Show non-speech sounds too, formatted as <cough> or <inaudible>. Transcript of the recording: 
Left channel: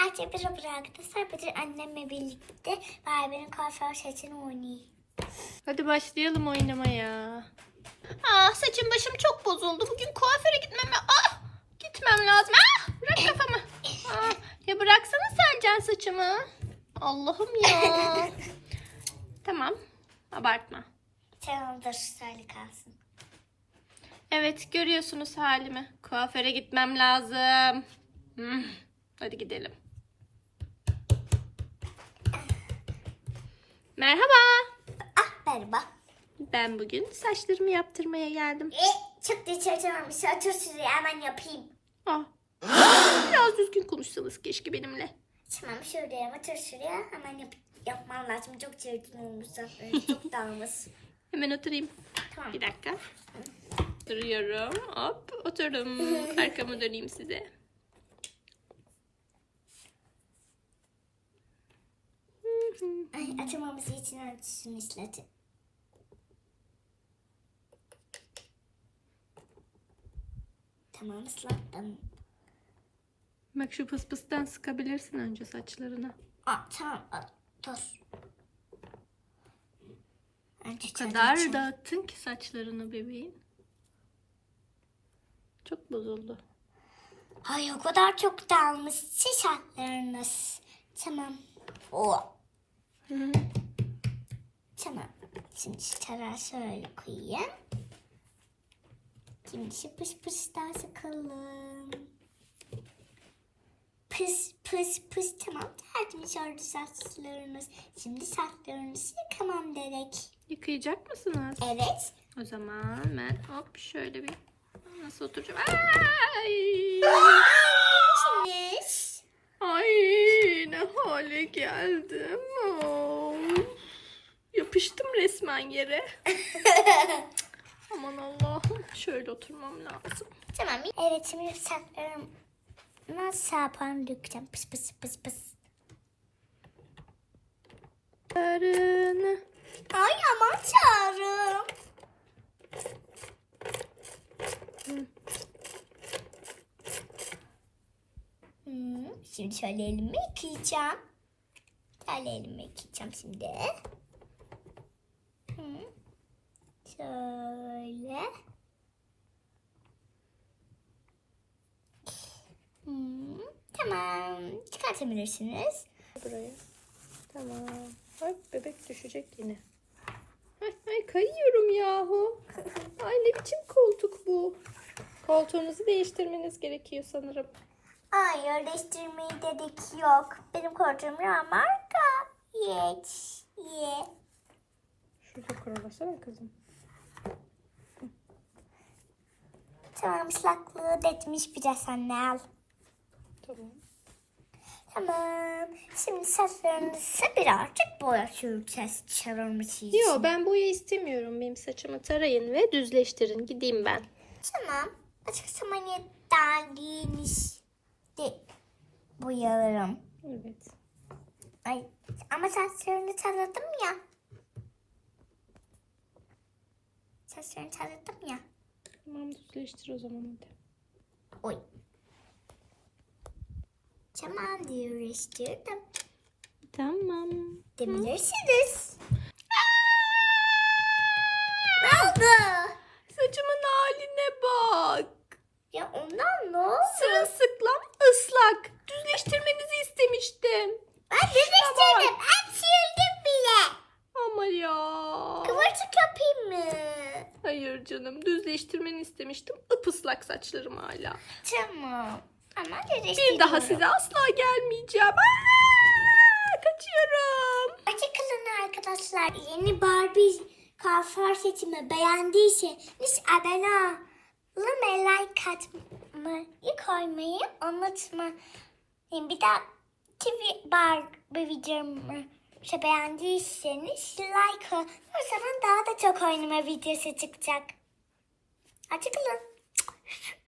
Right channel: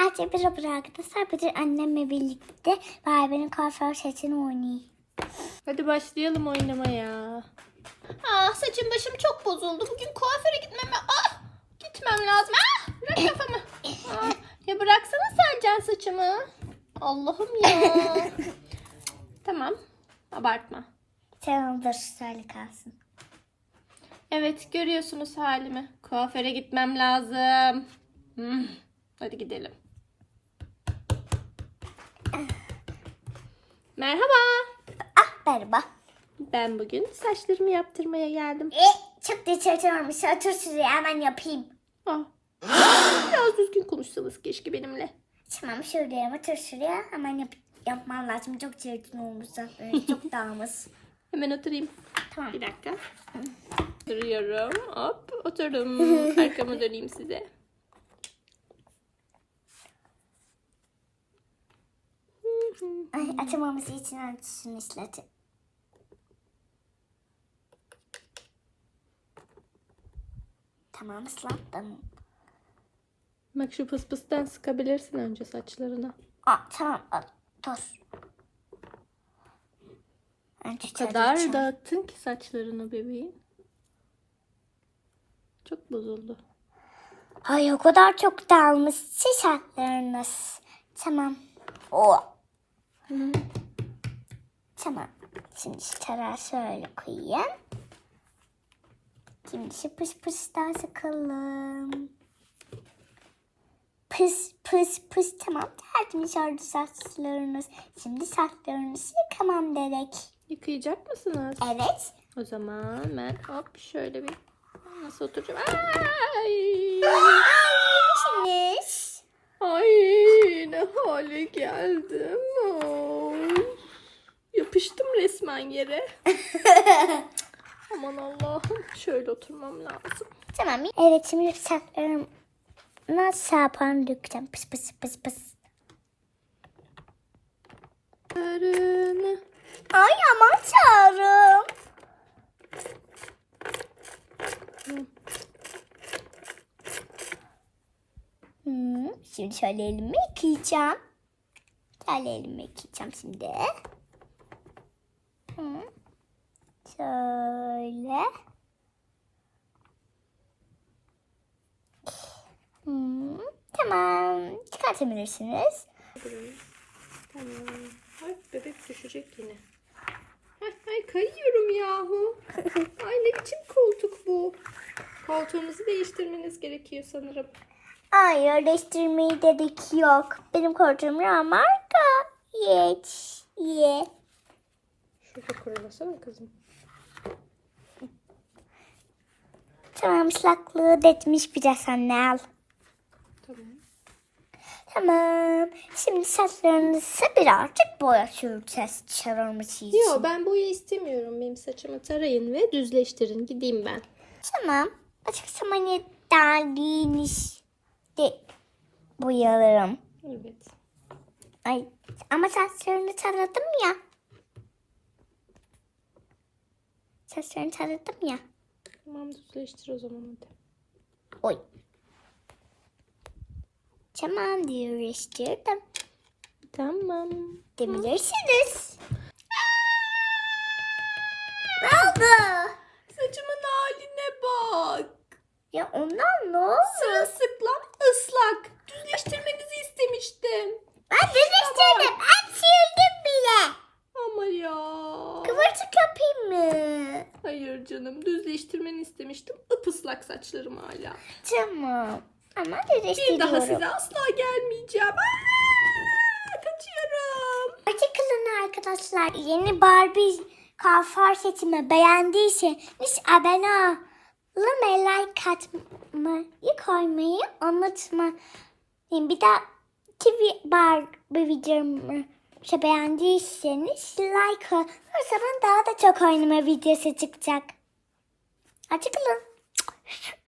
Artık bir arkadaşlar bugün annemle birlikte Barbie'nin kuaför setini oynayayım. Hadi başlayalım oynamaya. Ah saçım başım çok bozuldu. Bugün kuaföre gitmeme. Ah gitmem lazım. Ah bırak kafamı. Ah, ya bıraksana sen can saçımı. Allah'ım ya. <laughs> tamam. Abartma. Tamamdır şöyle kalsın. Evet görüyorsunuz halimi. Kuaföre gitmem lazım. Hmm, Hadi gidelim. Merhaba. Ah merhaba. Ben bugün saçlarımı yaptırmaya geldim. E, çok da olmuş. Otur şuraya hemen yapayım. Ah. <gasps> Biraz düzgün konuşsanız keşke benimle. Tamam şuraya otur şuraya hemen yap yapmam lazım. Çok çirkin olmuş zaten. Çok <laughs> dağılmış. Hemen oturayım. Tamam. Bir dakika. Duruyorum. Hop oturdum. <laughs> Arkamı döneyim size. Ay, açamaması için ölçüsünü istedim. Tamam ıslattım. Bak şu pıstan sıkabilirsin önce saçlarına. Aa, tamam aa, dur. Önce O kadar tarayacağım. dağıttın ki saçlarını bebeğin. Çok bozuldu. Ay o kadar çok dağılmış saçlarınız. Tamam. O. Hı. Tamam. Şimdi şu tarağı şöyle koyayım. Şimdi şu pıs pıstan sıkalım. Pıs pıs pıs tamam tertemiz oldu saçlarınız. Şimdi saçlarınızı yıkamam gerek. Yıkayacak mısınız? Evet. O zaman ben hop şöyle bir nasıl oturacağım? Ay! Yes. Ay ne hale geldim. Ay. Yapıştım resmen yere. <laughs> Aman Allah'ım. Şöyle oturmam lazım. Tamam. Evet şimdi saçlarım nasıl yaparım dökeceğim. Pıs pıs pıs pıs. Ay aman çağırım. Hmm, şimdi şöyle elimi yıkayacağım. Şöyle elimi yıkayacağım şimdi. Şöyle. Tamam. Çıkartabilirsiniz. Tamam. Ay bebek düşecek yine. Ay kayıyorum yahu. Ay ne biçim koltuk bu. Koltuğunuzu değiştirmeniz gerekiyor sanırım. Ay yerleştirmeyi gerek yok. Benim koltuğum ya marka. Geç. Ye. Şurada kurulasana kızım. Tamam ıslaklığı detmiş biraz anne al. Tamam. Tamam. Şimdi saçlarınızı birazcık boya süreceğiz çarpması için. Yo ben boya istemiyorum. Benim saçımı tarayın ve düzleştirin. Gideyim ben. Tamam. Açık zamani derdiğiniz de boyalarım. Evet. Ay ama saçlarını taradım ya. Saçlarını taradım ya. Tamam düzleştir o zaman hadi. Oy. Tamam değiştirdim. Tamam. Debilirsiniz. Ne oldu? Saçımın haline bak. Ya ondan ne oldu? Sırılsıklam ıslak. Düzleştirmenizi istemiştim. Ben değiştirdim. Ben sildim bile. Ama ya. Kıvırcık mı? Hayır canım düzleştirmeni istemiştim. Ipıslak saçlarım hala. Tamam. Ama. Bir daha size asla gelmeyeceğim. Aa, kaçıyorum. Açıklayın arkadaşlar. Yeni Barbie kuaför setimi beğendiyseniz abone olun ve like atmayı koymayı unutmayın. Bir daha bir Barbie videomu şey beğendiyseniz like olun. O zaman daha da çok oynama videosu çıkacak. Açıklayın.